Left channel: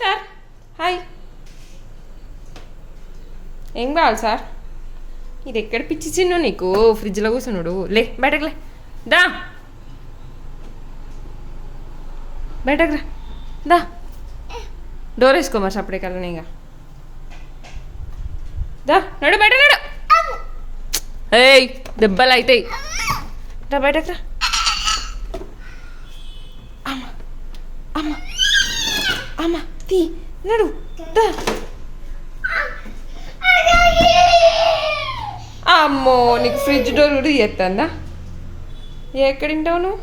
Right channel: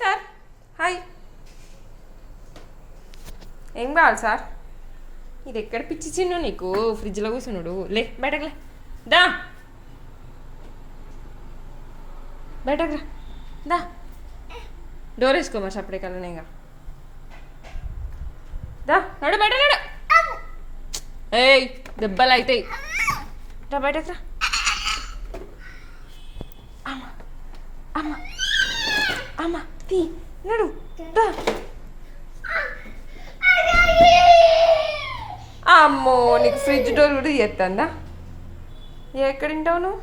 Sir hi. ఏం కావాలి sir? ఇది ఎక్కడ పిచ్చి చిన్ను నీకు? ఫ్రిడ్జ్లో కూర్చున్నాడు. లే బయటకు లే. దా బయటకు రా. దా డోర్ వేసుకో మరి అప్పుడే కలనే ఇక. దా నడు బయట నడు. ఏయ్ దెబ్బలు అవుతాయి. రా బయటకు రా. అమ్మ అమ్మ అమ్మ తీ నడు. దా అమ్మో నీకు ఫ్రిడ్జ్ డోర్ కూడా చేస్తుందా? ఎక్కడ తింటావు నువ్వు?